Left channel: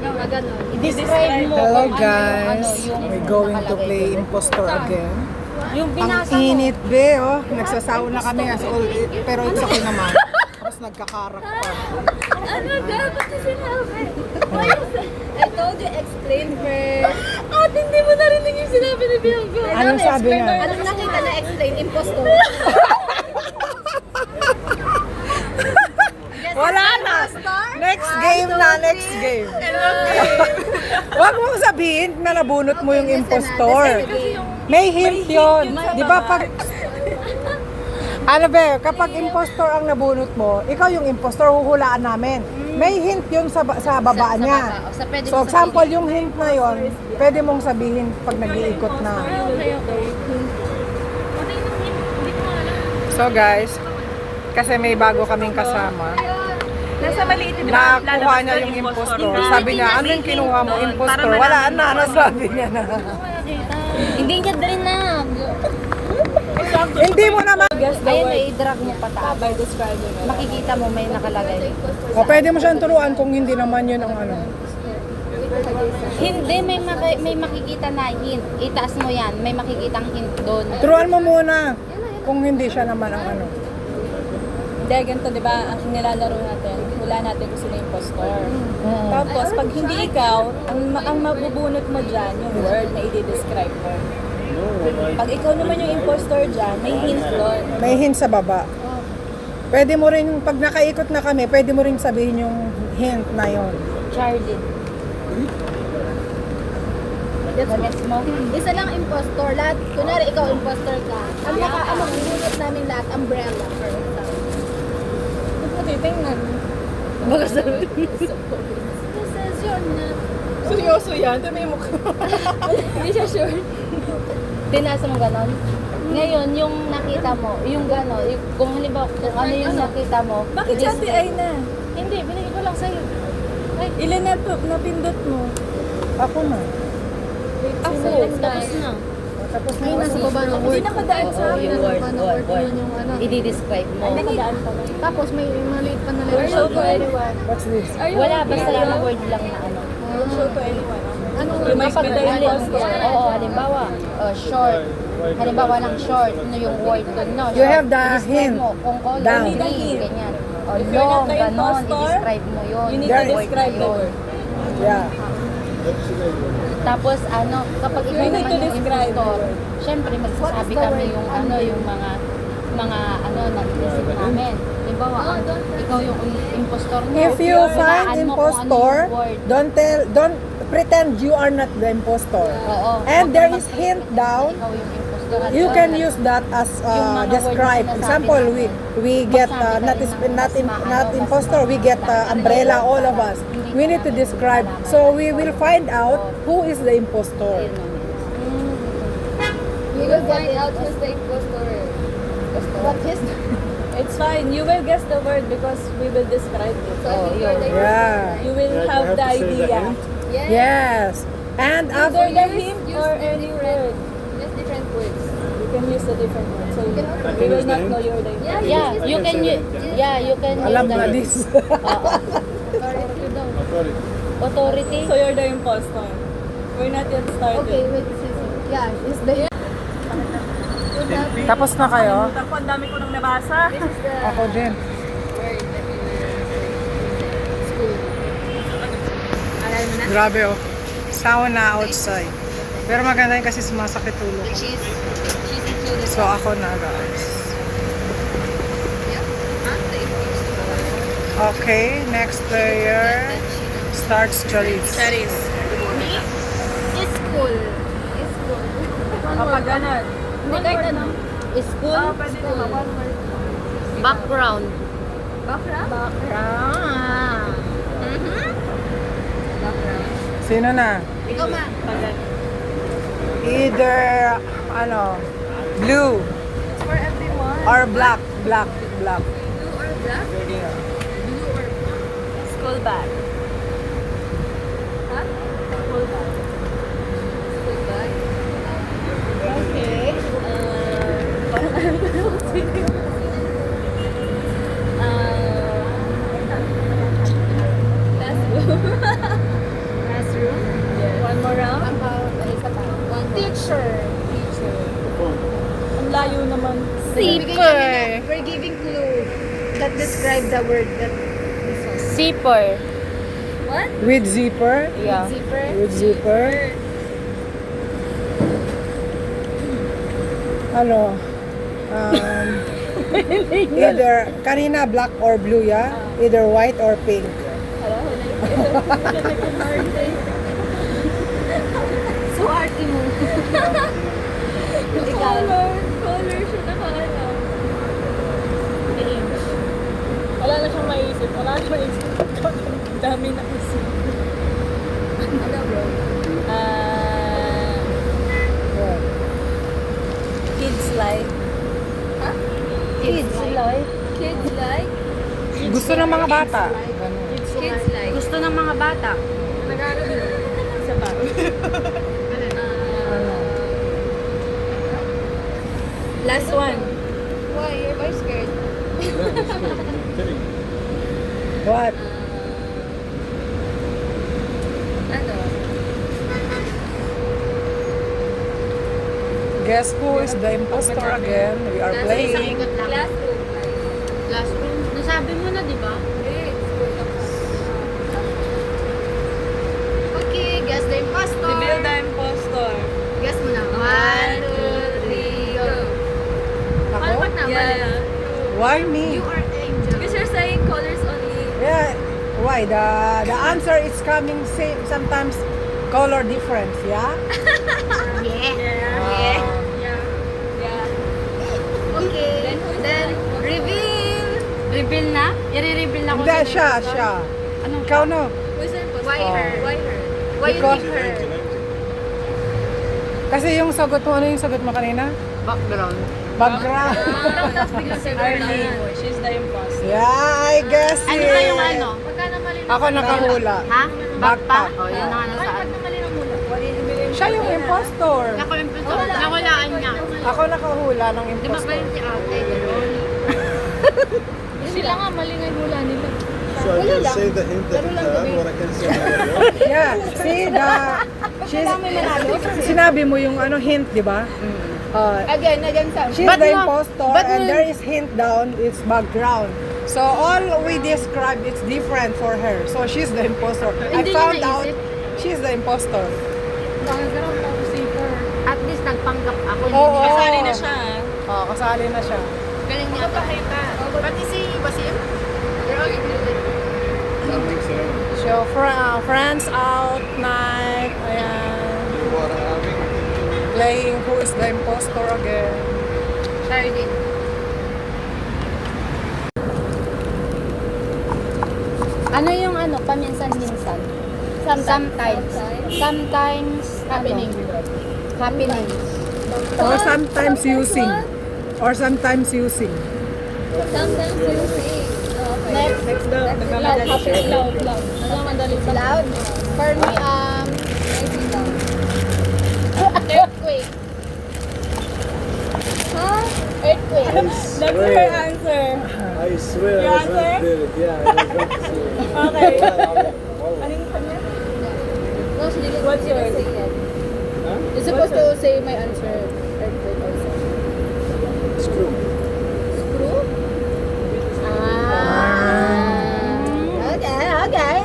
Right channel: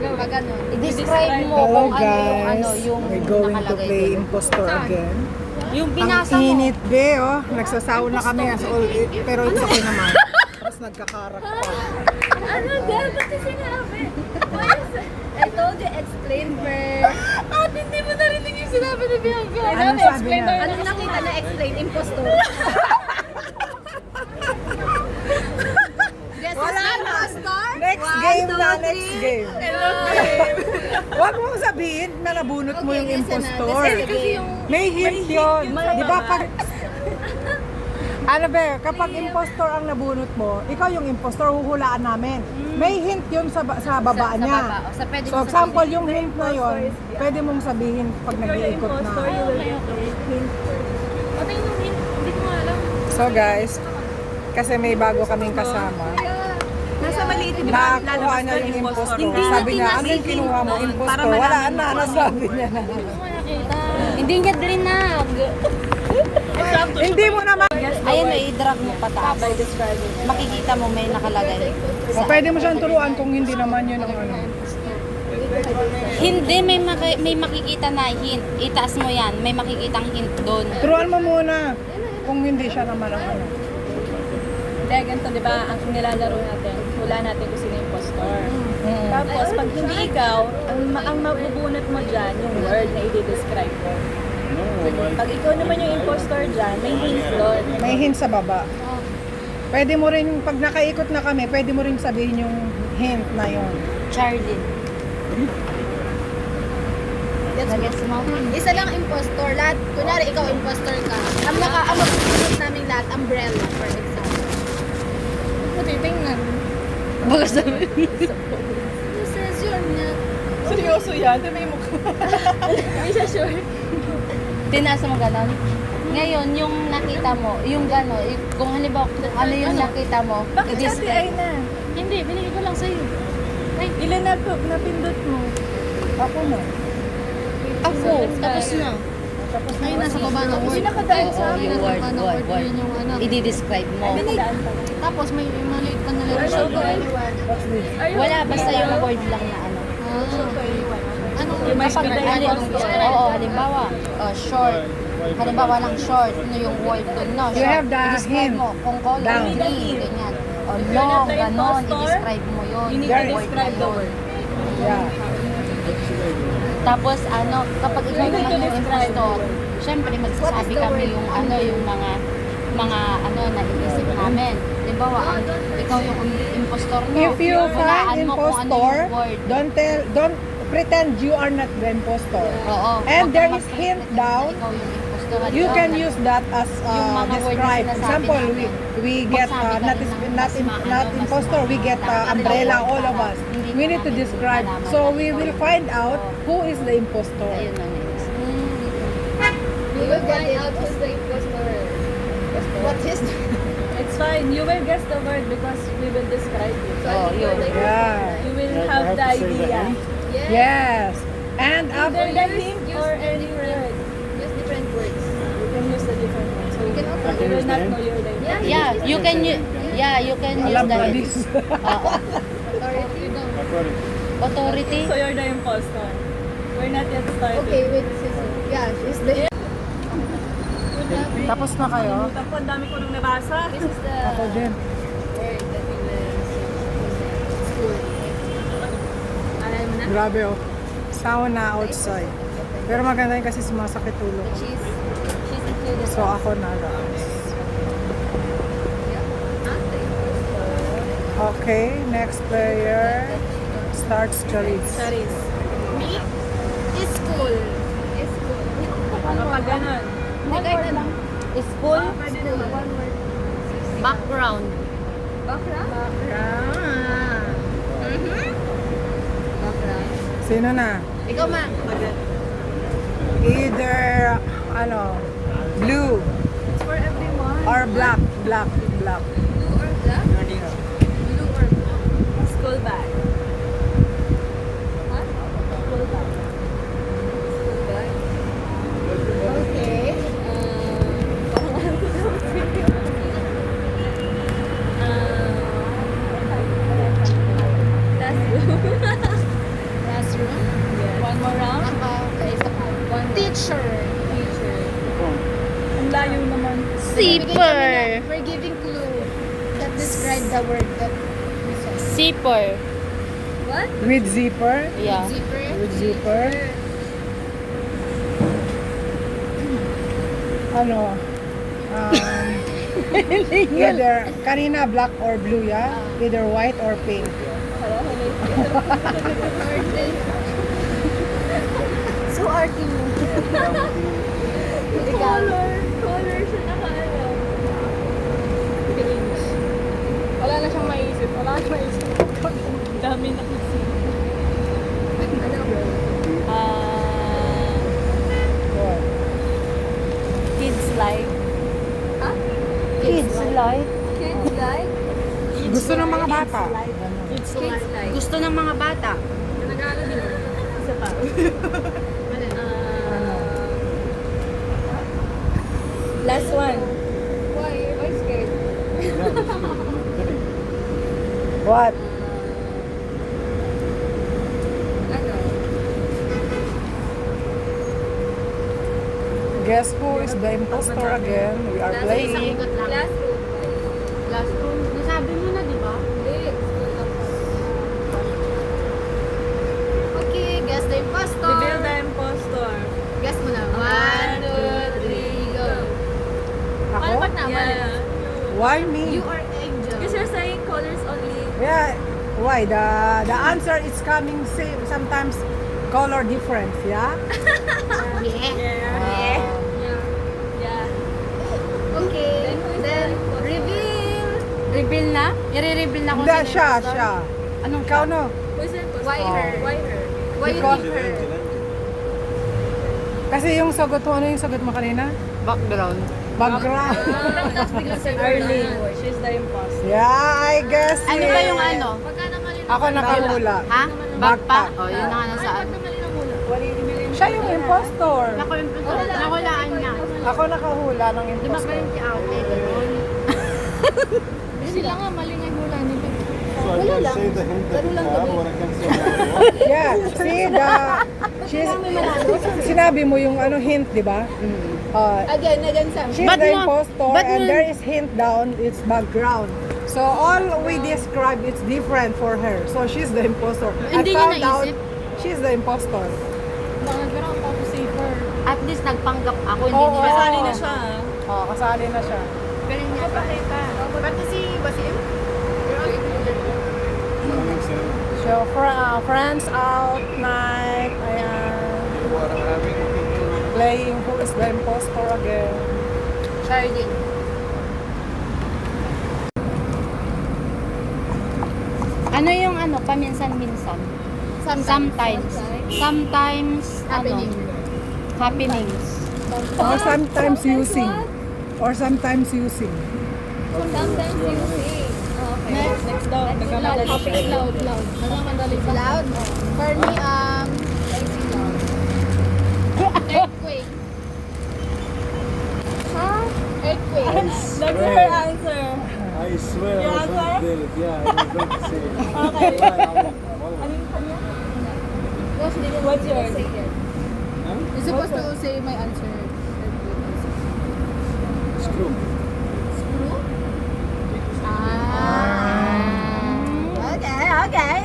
I-describe mo. Hello kung ano guys, yung we're going to nakalagay play doon. impostor again. Yung Ang binasa mo. init be, oh. Nagsasawa na kami as all, pero it's okay naman. Tapos nagkakarak pa. Ano daw? Bakit sinabi? I told you, explain first. At hindi mo narinig yung sinabi ni Bianca. Anong sabi niya? Anong nakita na explain? Impostor. Wala na! Next game na, next game. Huwag mong sabihin na nabunot mo yung impostor. May hint yun. Di ba pag... Ano be, kapag impostor ang nabunot mo, ikaw yung impostor, huhulaan namin. May hint yun sa baba niya. Sa pwede So mo example, yung hint na yun, pwede mong sabihin pag nag-iikot na. So guys, kasi may bago kaming kasama. Nasa maliit din. Nakuha niya yung impostor. Sabi niya, ano yung kinuha mo? Impostor. Wala na, sabi niya na. Hindi niya drinag. Hindi mo naman. Ayun, may drag mo pataas. Makikita mo may nakalagay. O, pwede mo siyang turuan kung hindi naman yun ang ano. Hindi, may makikita na hint. Itaas mo yan, may makikitang hint doon. Turuan mo muna kung hindi siya naman ang ano. Dahil ganito, di ba, ang nilalaro natin, wala natin kung sino yung impostor. Tapos, pag hindi ikaw, ang mabubunot mo dyan, yung word na i-describe mo. Pag ikaw naman yung impostor dyan, may hint doon. May hint sa baba. Pwede mo rin, pag nakaikot na kami, pwede mo rin sabihin yung hint na yun. Charlie. Gets mo? Isa lang impostor. Lahat, kunwari ikaw impostor ka. Ang mabubunot namin lahat, umbrella, for example. Puti, tingnan. Baka sabi. Who says yun na? Seryoso yan? Ito may mukha. Hindi siya sure. Tinasa mo gano'n. Ngayon, yung nakita mo, yung gano'n, kung halimbawa, kung ano yung nakita mo, Bakit i-describe. sabi ay na? Hindi, binigay ko lang sa'yo. Ilan na po, napindot mo? Ako na. Ako, tapos na. Tapos na. Ay, nasa baba ng word. Hindi nakadaan sa Oo, yung word, word. Yun yung ano. I-describe mo. Tapos may maliit ka na letter. Show to anyone. What's this? Wala, basta yung word lang na ano. Show to anyone. Ano? Kapag oo, halimbawa, short. Halimbawa lang short, ano yung word doon, no? You Short, have the i-describe hint mo, kung color, down. green, ganyan. O If you're long, not the ganon, impostor, i-describe mo yun. You need There to is- describe the word. Yeah. Tapos ano, kapag ikaw You need naman to yung describe impostor, it. syempre What magsasabi is the kami word? yung ano, yung mga ano na inisip namin. Halimbawa, ikaw yung impostor mo. If you hulaan find mo kung ano impostor, yung word. don't pretend you are not the impostor. Oo. And there Huwag is mag-pretend hint na down. ikaw yung impostor. You Halimbawa, can use that as Yung mga word na describe. sinasabi Example, natin. we get Magsabi ka not rin ng not mas impostor. We get umbrella, all of us. We need to describe. So we will find out who is the impostor. Ayun na yun. You will find out who's the impostor. What his... It's fine. You will guess the word because we will describe it. Oh, yun. Yeah. You will have the idea. Yes. And Either after the hint or any word. Just different words. You can use the different words. So you can also you will not know you're the impostor. Yeah, you can use, you can alam use na that. this. Oo. Authority. So you're the impostor. We're not yet started. Okay, wait. Yeah, she's the... Tapos na kayo? Ako, ang dami ko nang nabasa. This is the... Ako din. Grabe oh. Sauna outside. Pero maganda yun kasi sumasakit ulo ko. So ako na guys. Okay, next player starts Charis. Charis. Is cool. Kapag ganun. Hindi kahit ano. School. Background. Background. Sino na? Ikaw man. Either ano, blue For everyone. or black. Black. School bag. Okay. Zipper. We're giving clue that describe the word that Zipper. With zipper. Yeah. zipper. With zipper. Ano? Either, kanina black or blue, yeah? Either white or pink. So arty mo. Color siya nakaalam. Wala na siyang maisip. Wala na siyang maisip. Dami na kasi. What? Kids like. Kids like. Kids like. Gusto ng mga bata. Ano? Kids like. Gusto ng mga bata. Isa pa. Ano? Last one. Why? You're very scared. What? Ano? Guess who is the imposter again? We are playing. Classroom. Classroom. Nasabi mo na, di ba? Hindi. Okay, guess the impostor. Reveal the impostor. Guess mo na. 1, 2, 3, go. Ako? Yeah. Why me? You are angel. Because you're saying colors only. Yeah. Why? The answer is coming same. Sometimes color difference, yeah? Yeah. Yeah. Okay. Then, reveal. Reveal na? I-reveal na ko Hindi, siya. Anong Ikaw no? Who's the impostor? Why her? Why her? Why you Because- pick her? Kasi yung sagot mo, ano yung sagot mo kanina? background? Background. Arlie. She's the impostor. Yeah, I guess Ano ba yung it. ano? Ako nakahula. Ha? Backpack. Oh, yun ang ano sa akin. Siya yung impostor. Ako yung nawalaan niya. Ako nakahula ng Di ba impostor. kayo si ate? Sila nga, mali nga yung hula nila. So I can say the hint that you have, or I can say another one. Yeah, see sinabi mo yung ano hint, di ba? Again, She's But the no, impostor but and no. there is hint down, it's background. So all we describe, it's different for her. So she's the impostor. I Hindi niya found out naisip. she's the impostor. At least nagpanggap ako. Oo. Kasali na siya. Kasali na siya. Galing niya. pati si Basim. So friends out night, ayan, What happened? playing who is the impostor again. Shardin. Ano yung ano, paminsan-minsan? Sometimes. Sometimes Happening. happenings. Or sometimes using. Or sometimes using. Sometimes you see. Next. Next daw. Nagkamadali siya. Loud. For me, earthquake. Earthquake. That's her answer. I swear I was going to do it. Yeah, I was going to say it. Okay. Wallah. What's yours? You're supposed to say my answer. Earthquake also. Screw. Screw? Okay.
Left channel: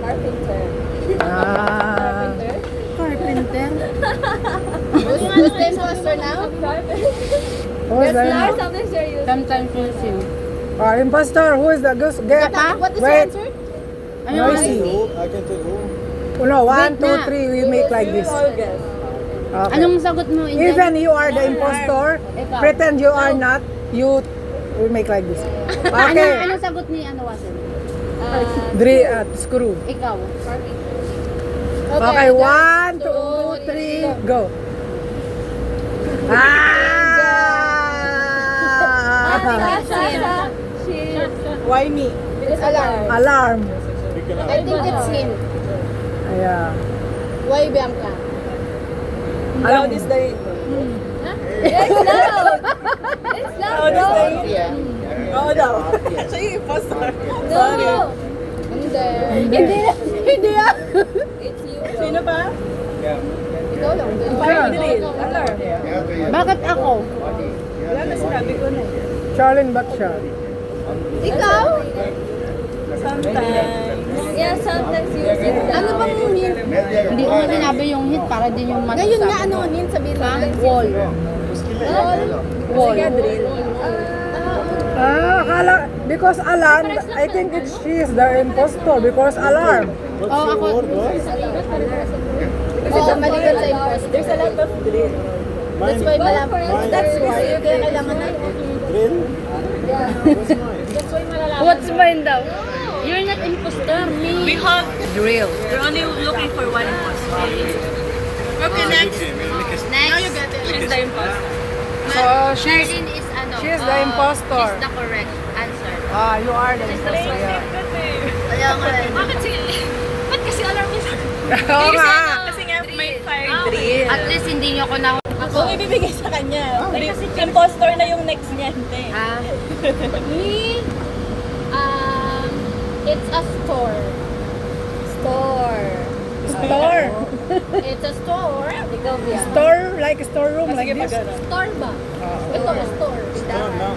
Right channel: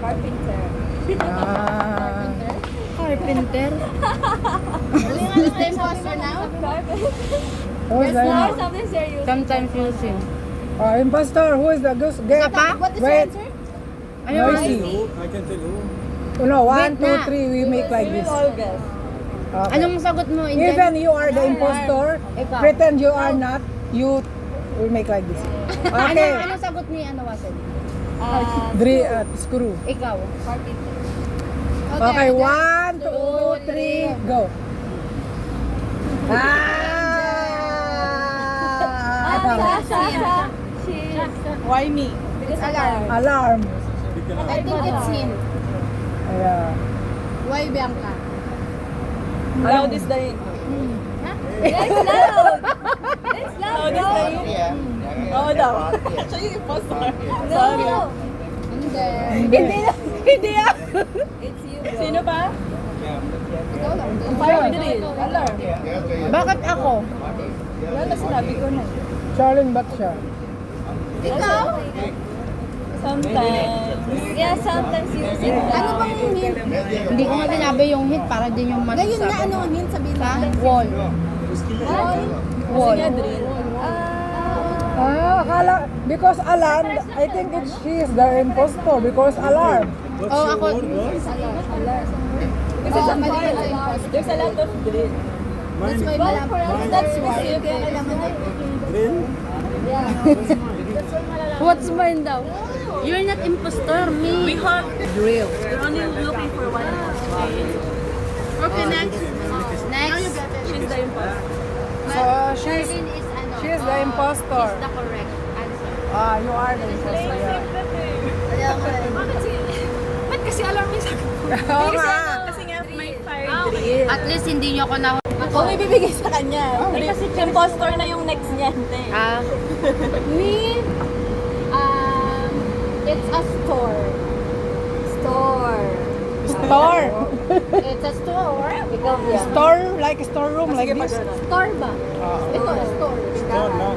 Carpenter. Carpenter. Who's the imposter now? Carpenter. Who's the Or something serious. Sometimes using. impostor? Who is the ghost? Get. What is your Wait. answer? Ano I ba? see. Who? I can tell who. No, 1, Wait 2, na. 3, we make like this. All guess. Okay. Anong sagot mo? Inday? Even you are the impostor, Ikaw. pretend you are not, you we make like this. Ano, Okay. ano sagot ni ano Wasan? Screw. Ikaw. Okay, 1, 2, 3, go. Why me? Because alarm. Alarm. Pick it I up. think it's him. Yeah. Why Bianca? Loud is the hint. It's loud! It's loud! Loud is the hint. Oo daw. Siya yung impostor. No! Hindi. Hindi ah. It's you. Sino pa? Yeah. Ikaw lang. Parang bilis. Alarm. Bakit ako? Wala na sinabi ko na. Charlene, ba't siya? Ikaw? Sometimes. Yeah, sometimes use it daw. Ano bang hint? Hindi ko na sinabi yung hit para din yung masasabi. Ngayon nga, ano ang hint? Sabihin mo. Wall. Wall. Drill. Akala, because Alan, I think it's she's the impostor because alarm. What's your word was? Kasi somebody can say imposter. There's a lot of drill. That's why Mine. That's why. Kaya kailangan na. Drill? Yeah. What's mine? That's why malalaman. What's mine daw? You're not imposter, me. Drill. We're only looking for one imposter. Okay, next. She's the imposter. So she's Charlene is ano? she's the impostor. She's the correct answer. You are the impostor. Yeah. Kaya nga eh. Bakit ba't kasi alarm niya sa akin? Oo nga. Kasi nga may fire drill. At least hindi niyo ako na... Kung ibibigay sa kanya, impostor na yung next niyan. Me? It's a store. Store. Store. It's a store. Ikaw yan. Store, like a storeroom, like this. Store ba? Oh. Ito, store. Store lang.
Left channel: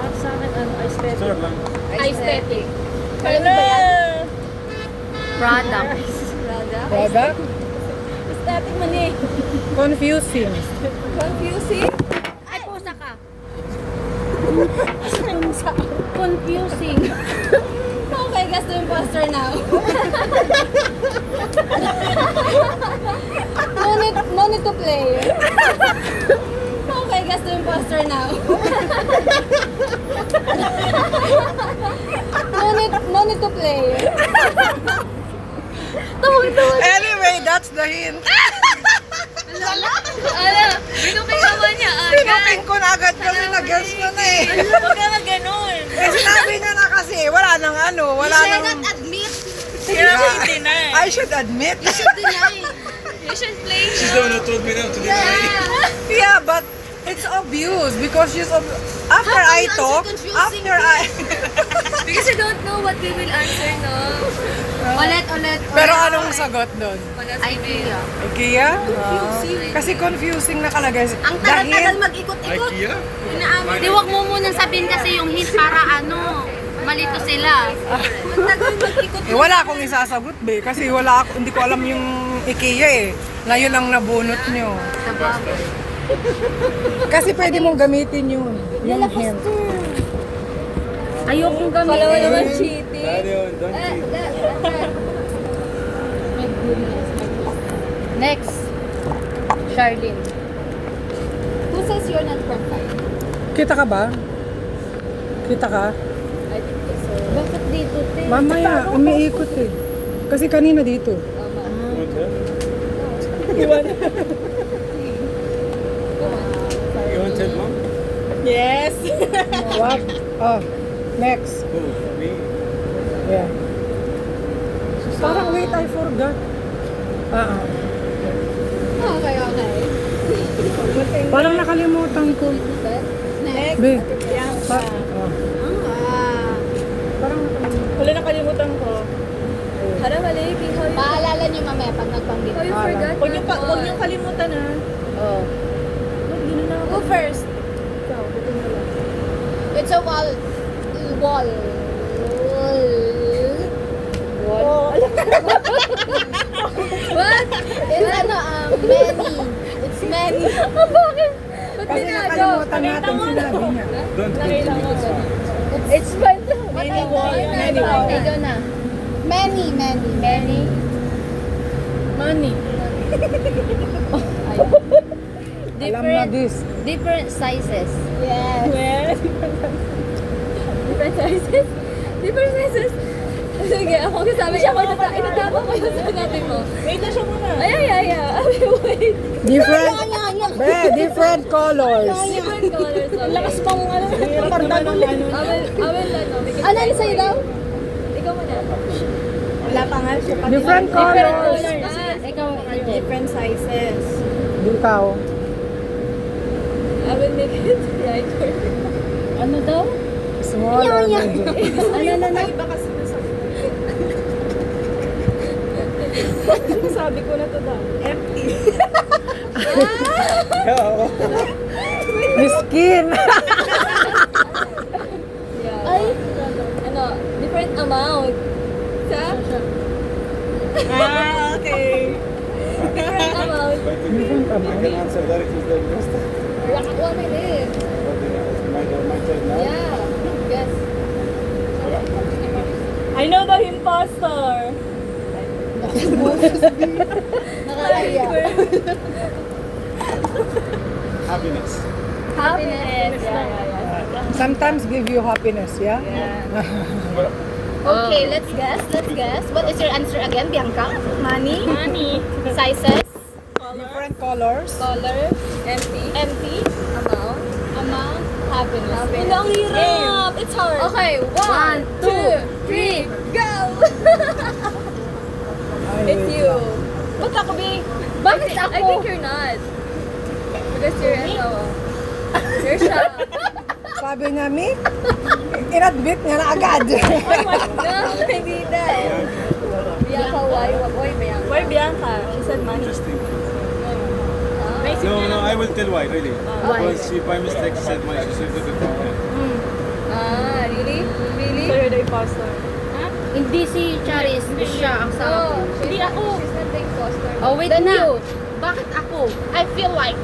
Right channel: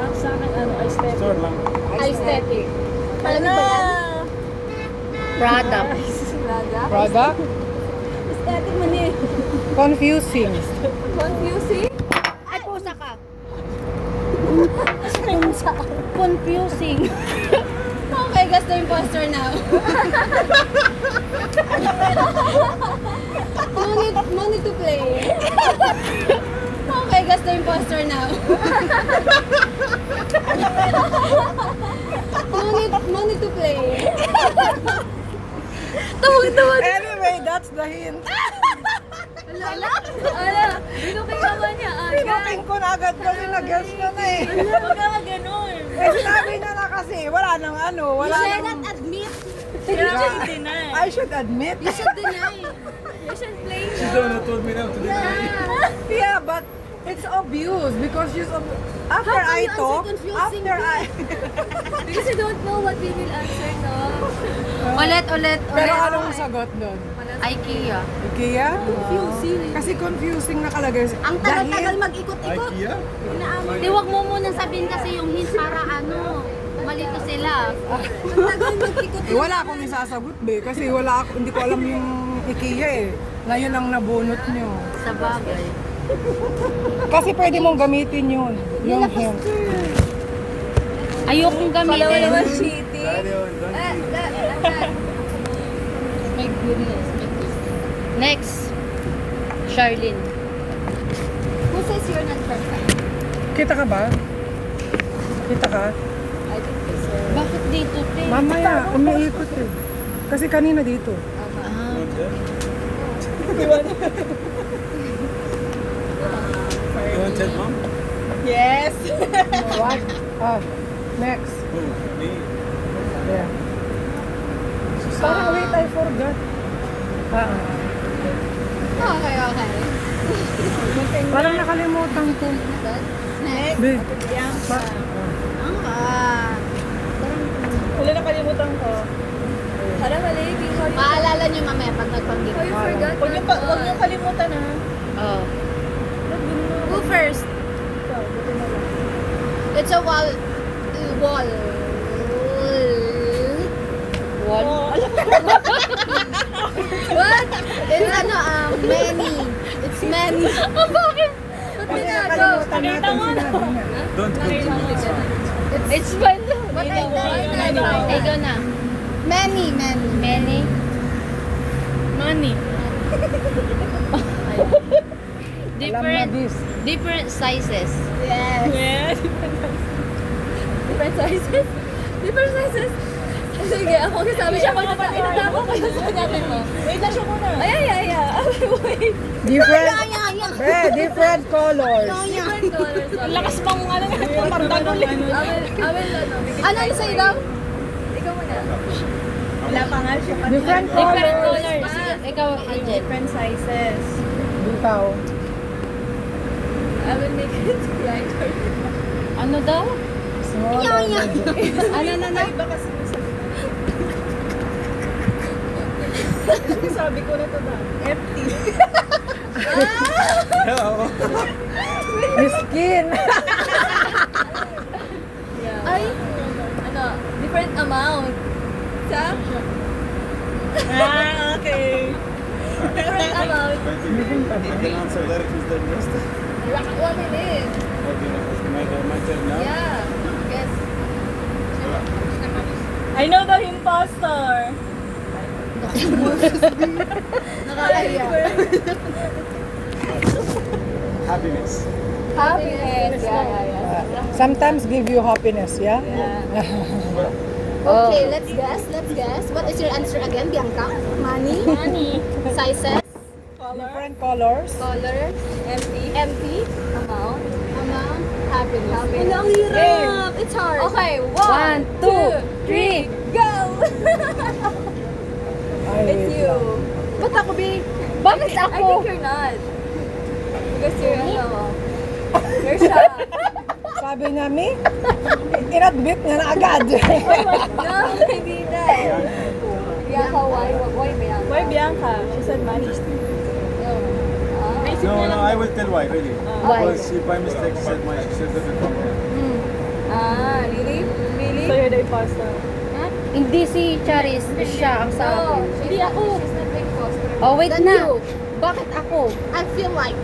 Ang sa akin, aesthetic. Store lang. Aesthetic. Ano? Product. Product. Aesthetic man eh. Confusing. Confusing? Ay, pusa ka. Confusing. Okay, guess the imposter now. No need to play. Okay, guess the imposter now. No need to play. Anyway, that's the hint. Ano? Binukay naman niya. Pinukin ko na agad kasi nag-guess ko na eh. Huwag ka mag-ganon. Eh sinabi niya na kasi, wala nang ano, wala nang... Admit. I should admit. You should play. She's the one who told me not to deny. Yeah, but it's obvious because after How can I you talk, answer confusing after I... Because you don't know what we will answer, no? Ulit. Pero anong sagot doon? IKEA. IKEA? Kasi confusing nakalagay. Ang tagal-tagal mag-ikot-ikot. IKEA? Inaamin. Di, wag mo munang sabihin kasi yung hint para ano, malito sila. Ang tagal mag-ikot. Eh, wala akong isasagot be kasi wala ako, hindi ko alam yung IKEA eh. Na yun ang nabunot nyo. Sa bagay. Kasi pwede mong gamitin yun. Yung hint. Ayokong gamitin. Cheating. Radio, don't cheat. My goodness. Next. Charlene. Who says you're not perfect? Kita ka ba? Kita ka? Bakit dito, te? Mamaya, umiikot eh. Kasi kanina dito. You want it, Mom? Yes. What? Next. Who? Me? Yeah. Parang wait, I forgot. Okay. Parang nakalimutan ko. Next. Be. Wala na kalimutan ko. Para mali, king Paalala niyo mamaya pag nagpanggit. you forgot. Huwag niyo kalimutan na. Oh. Who first? It's a wall. Wall. Oh, alam mo. What? It's ano, many. It's many. Oh, bakit? Ba't Kasi nakalimutan natin sinabi niya. Don't put It's fine. What I Ikaw na. Many. Many. Money. Alam mo this. Different sizes. Yes. Yes. Different sizes. Different sizes. Sige, ako sabi siya mo pa tinatapos ko yung sinabi mo. Wait na siya muna. Ay. Wait. Different, different colors. Different colors. Ang lakas pang ano, pardagol. Ano sa'yo daw? Ikaw muna. Wala pa nga siya. Different colors. Ikaw, Different sizes. Ikaw. I will make it right for you. ano daw? Small or medium. Ano? Sabi ko na to ba? Empty. Yeah. Miss skin. Yeah. Ay, Ano, different amount. Sa? Okay. Different amount. But I can answer that if it's the best. 1 minute. My turn now. Yeah. Yes. I know the imposter. nakakaya. Happiness. Happiness. Yeah. Sometimes give you happiness, yeah? Okay, let's guess. What is your answer again, Bianca? Money? Money. Sizes? Different colors. Color. Empty. Empty? Amount. Amount? Happiness. Happiness. Ang hirap. It's hard. Okay, 1, 2, 3, go! Ay, It's wait you. lang. Ba't ako, B? Bakit I ako? think you're not. Because you're, ano, you're shocked. Sabi niya, Mi, in-admit niya na agad. No, hindi na. Bianca, why Bianca? Why Bianca? She said money. No, I will tell why, really. Why? Because she by mistake said my she put it wrong. Really? Really? So you're the imposter. Hindi si Charis, siya ang sa No, akin. she's not, she's not the imposter. Oh, wait Then na. you. Bakit ako? I feel like.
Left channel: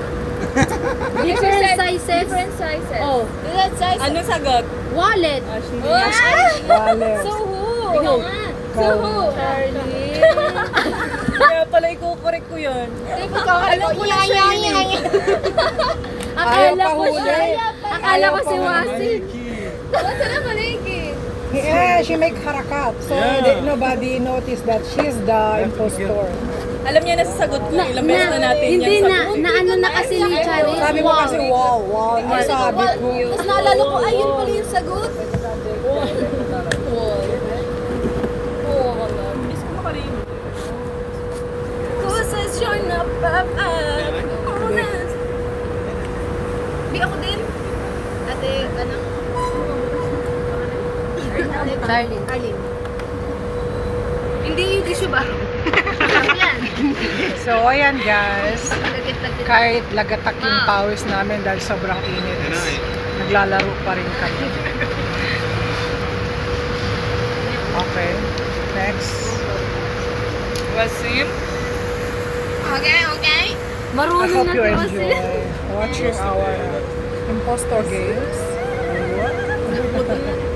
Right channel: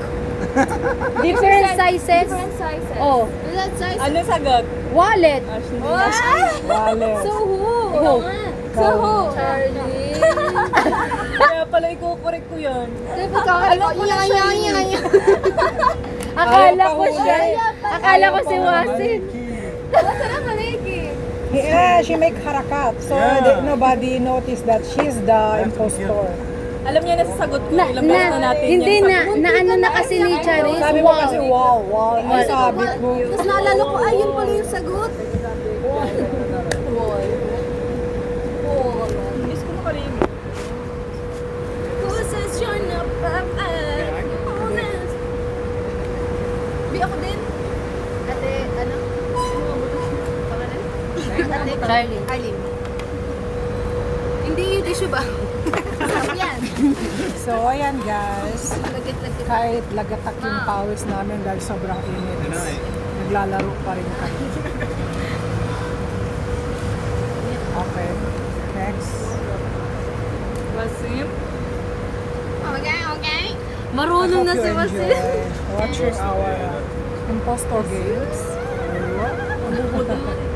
Different sizes? Different sizes. Oh, Let's size. Ano sagot? wallet. Wallet. So who? Ikaw. So who? Kaya pala i-correct ko yun. Alam ko na siya yun eh. Akala Ayaw ko pahuli. siya. Akala ko si Wasin. Basta na maliki. Yeah, she make harakat. So nobody noticed that she's the impostor. Alam niya na sa sagot ko. Ilang beses na natin Hindi yan na, na ano na kasi ni Charis. Sabi mo kasi, wow, nasabi ko. Tapos naalala ko, ayun pala yung sagot. Oo, wala. Miss ko makalim. Who says you're not perfect? Who says? Di ako din. Ate, ano? Charlie. Arlene. Hindi yung tissue ba? Yan. So, ayan guys. Lagit-lagit. Kahit lagatak yung pawis namin dahil sobrang init, naglalaro pa rin kami. Okay, next. Wasim? Okay, okay. I Marunong hope na you si Wasin. enjoy watching our impostor games. Ayun.